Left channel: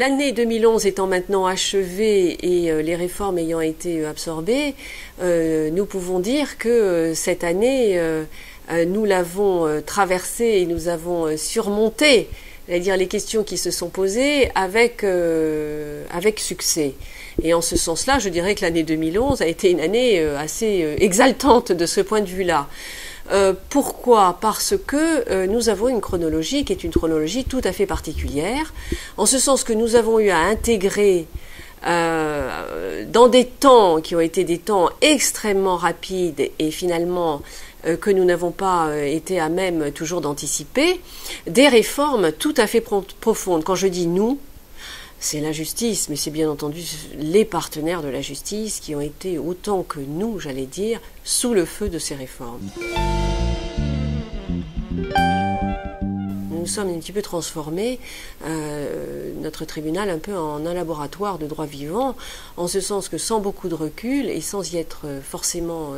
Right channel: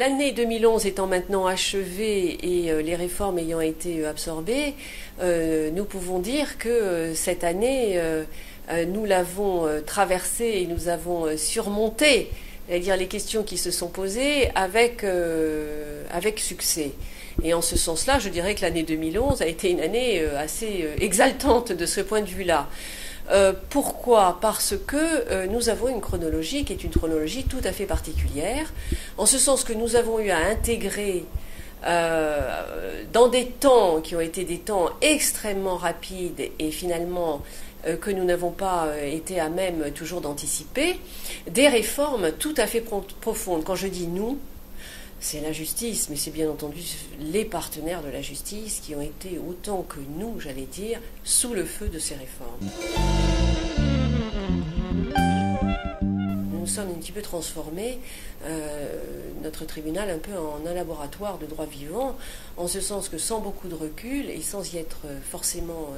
L'année 2011 étant maintenant achevée et les réformes ayant été absorbées, nous pouvons dire que cette année, nous l'avons traversée et nous avons surmonté, c'est-à-dire les questions qui se sont posées avec succès. Et en ce sens-là, je dirais que l'année 2011 a été une année assez exaltante de ce point de vue-là. Pourquoi? Parce que nous avons une chronologie qui est une chronologie tout à fait particulière, en ce sens que nous avons eu à intégrer dans des temps qui ont été des temps extrêmement rapides et finalement que nous n'avons pas été à même toujours d'anticiper, des réformes tout à fait profondes. Quand je dis nous, c'est la justice, mais c'est bien entendu les partenaires de la justice qui ont été autant que nous, j'allais dire, sous le feu de ces réformes. Nous sommes un petit peu transformés, notre tribunal un peu en un laboratoire de droit vivant, en ce sens que sans beaucoup de recul et sans y être forcément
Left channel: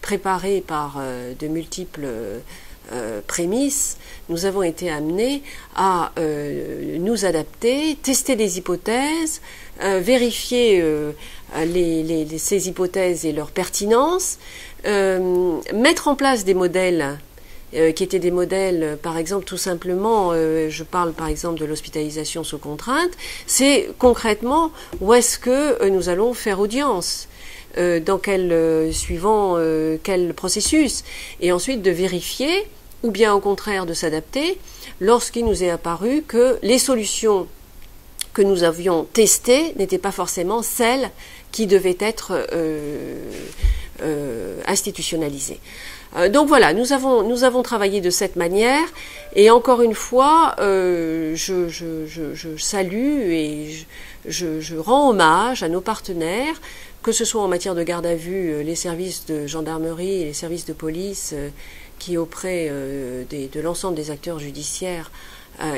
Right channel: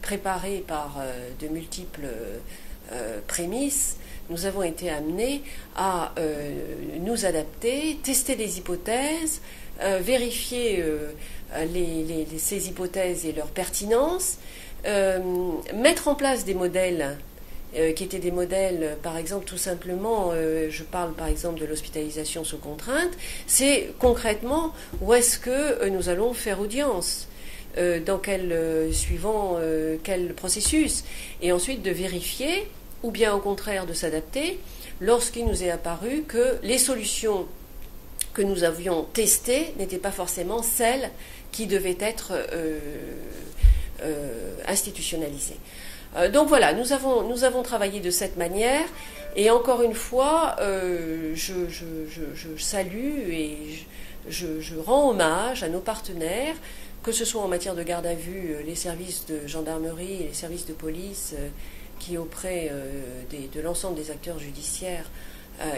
préparé par de multiples prémices, nous avons été amenés à nous adapter, tester des hypothèses, vérifier ces hypothèses et leur pertinence, mettre en place des modèles qui étaient des modèles, par exemple, tout simplement, je parle par exemple de l'hospitalisation sous contrainte, c'est concrètement où est-ce que nous allons faire audience, dans suivant quel processus, et ensuite de vérifier, ou bien au contraire de s'adapter, lorsqu'il nous est apparu que les solutions que nous avions testées n'étaient pas forcément celles qui devaient être institutionnalisées. Donc voilà, nous avons travaillé de cette manière, et encore une fois, je salue et je rends hommage à nos partenaires, que ce soit en matière de garde à vue, les services de gendarmerie et les services de police qui auprès de l'ensemble des acteurs judiciaires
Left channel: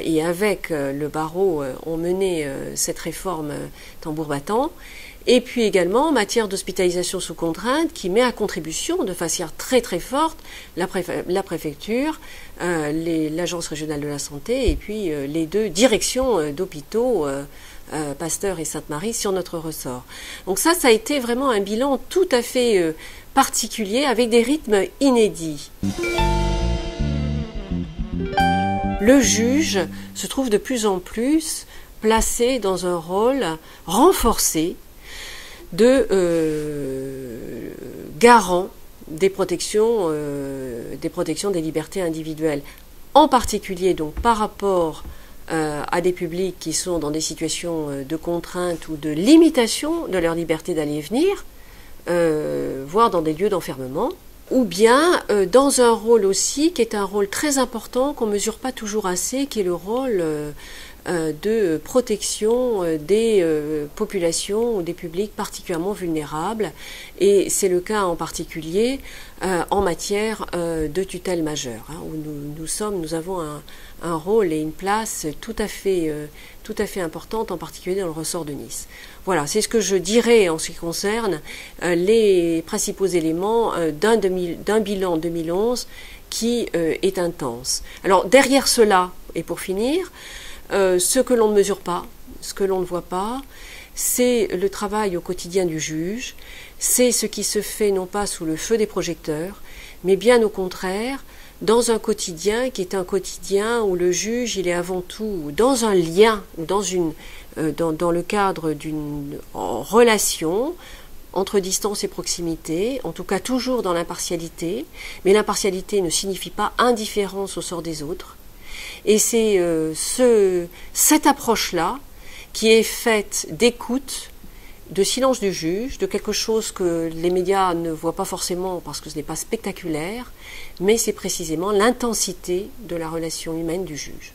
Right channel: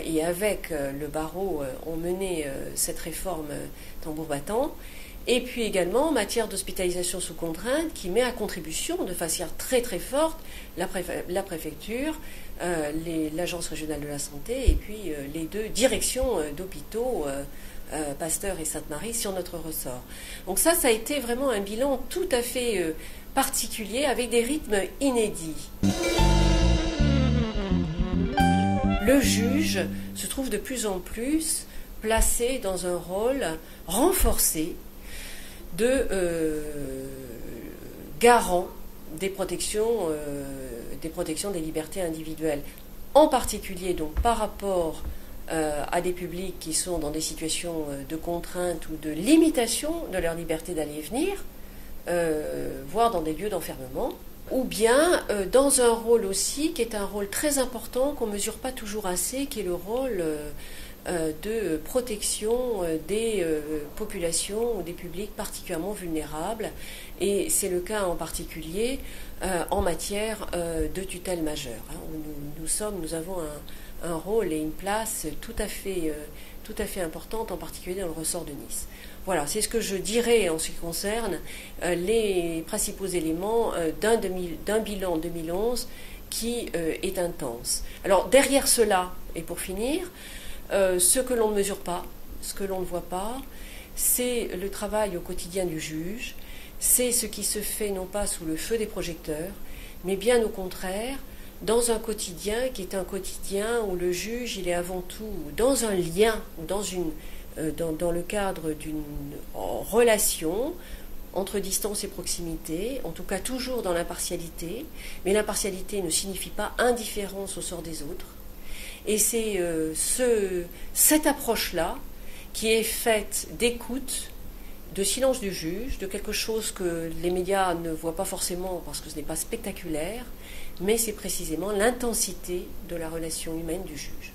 et avec le barreau ont mené cette réforme tambour battant. Et puis également en matière d'hospitalisation sous contrainte qui met à contribution de façon très très forte la préfecture, l'agence régionale de la santé et puis les deux directions d'hôpitaux, Pasteur et Sainte-Marie, sur notre ressort. Donc ça a été vraiment un bilan tout à fait particulier avec des rythmes inédits. Le juge se trouve de plus en plus placé dans un rôle renforcé de garant des protections des libertés individuelles, en particulier donc par rapport à des publics qui sont dans des situations de contrainte ou de limitation de leur liberté d'aller et venir, voire dans des lieux d'enfermement, ou bien dans un rôle aussi qui est un rôle très important qu'on ne mesure pas toujours assez, qui est le rôle de protection des populations ou des publics particulièrement vulnérables, et c'est le cas en particulier en matière de tutelle majeure, où nous avons un rôle et une place tout à fait importante, en particulier dans le ressort de Nice. Voilà, c'est ce que je dirais en ce qui concerne les principaux éléments d'un bilan 2011 qui est intense. Alors derrière cela, et pour finir, ce que l'on ne mesure pas, ce que l'on ne voit pas, c'est le travail au quotidien du juge, c'est ce qui se fait non pas sous le feu des projecteurs, mais bien au contraire, dans un quotidien qui est un quotidien où le juge, il est avant tout dans un lien, dans le cadre d'une relation entre distance et proximité, en tout cas toujours dans l'impartialité, mais l'impartialité ne signifie pas indifférence au sort des autres. Et c'est cette approche-là qui est faite d'écoute, de silence du juge, de quelque chose que les médias ne voient pas forcément parce que ce n'est pas spectaculaire, mais c'est précisément l'intensité de la relation humaine du juge.